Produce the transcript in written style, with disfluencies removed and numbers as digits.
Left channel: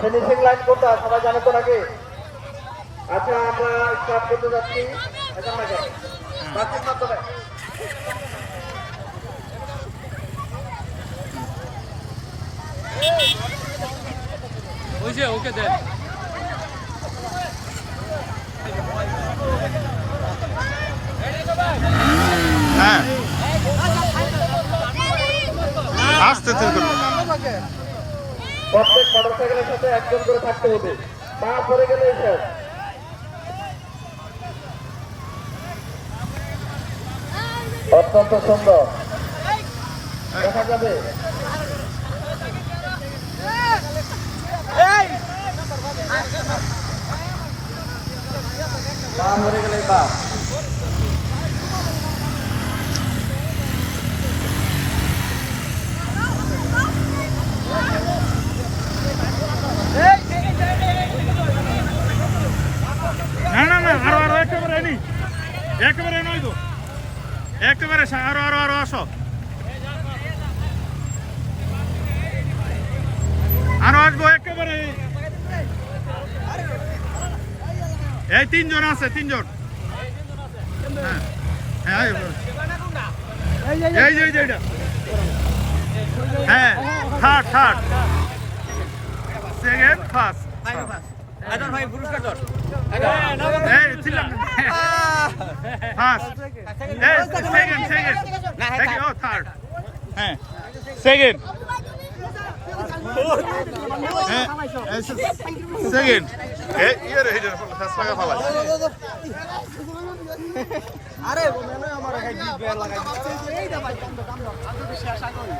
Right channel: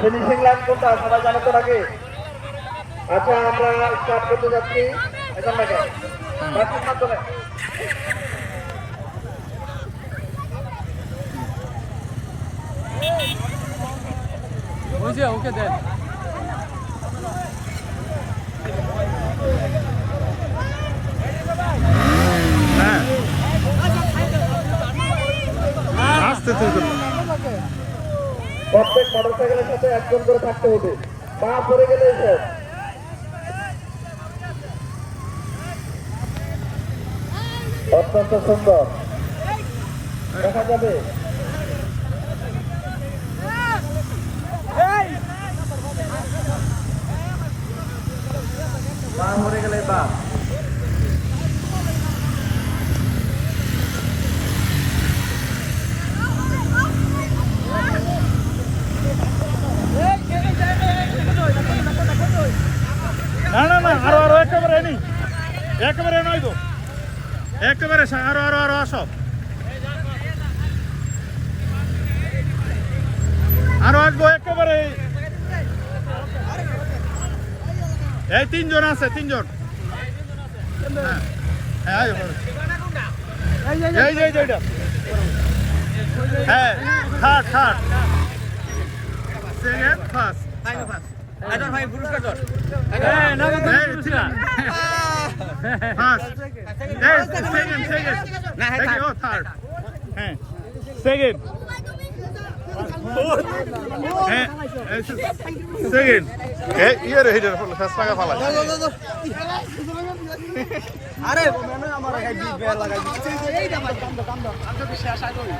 Finishing line কোনটা সবাই জানে তো নাকি? আচ্ছা আমরা স্টার্ট করতে যাচ্ছি এখন থেকে বাকির মাধ্যমে। ওকে দেন। হ্যাঁ আস্তে তুই করবো। প্রত্যেক মোটরসাইকেলের সাথে একজন করে থাকতে হবে, পা পড়ে গেলে শেষ। অত্যন্ত সুন্দর দেখা যাবে। পা পড়ে গেলে পা একেবারে নয় তো একেবারে আরো আরো আরো আসো আরো আসবো একেবারে এই তিনজন আছে তিনজন হ্যাঁ হ্যাঁ এই যে এইটা হ্যাঁ থার্ড থার্ড সেকেন্ড ফার্স্ট আদর ভাই পুরস্কার কর। ফার্স্ট সেকেন্ড সেকেন্ড দেখি ও থার্ড হ্যাঁ সেকেন্ড সেকেন্ড এই ইয়ার হিটার ফার্স্ট লাগা ফালাই আরে আমার এই বিট লাগাই এইটা ভাই আমরা বিশ্বাস করি